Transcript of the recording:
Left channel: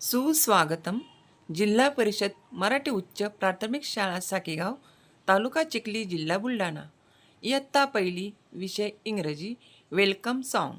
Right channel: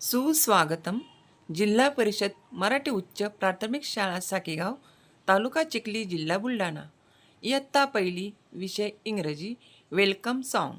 सुस्वागतम जिल्हा परिषद मराठी उच्च प्राथमिक शाळा साकेगाव तालुका चिखली जिल्हा बुलढाणा. इयत्ता पहिली विषय इंग्रजी वेलकम सॉन्ग.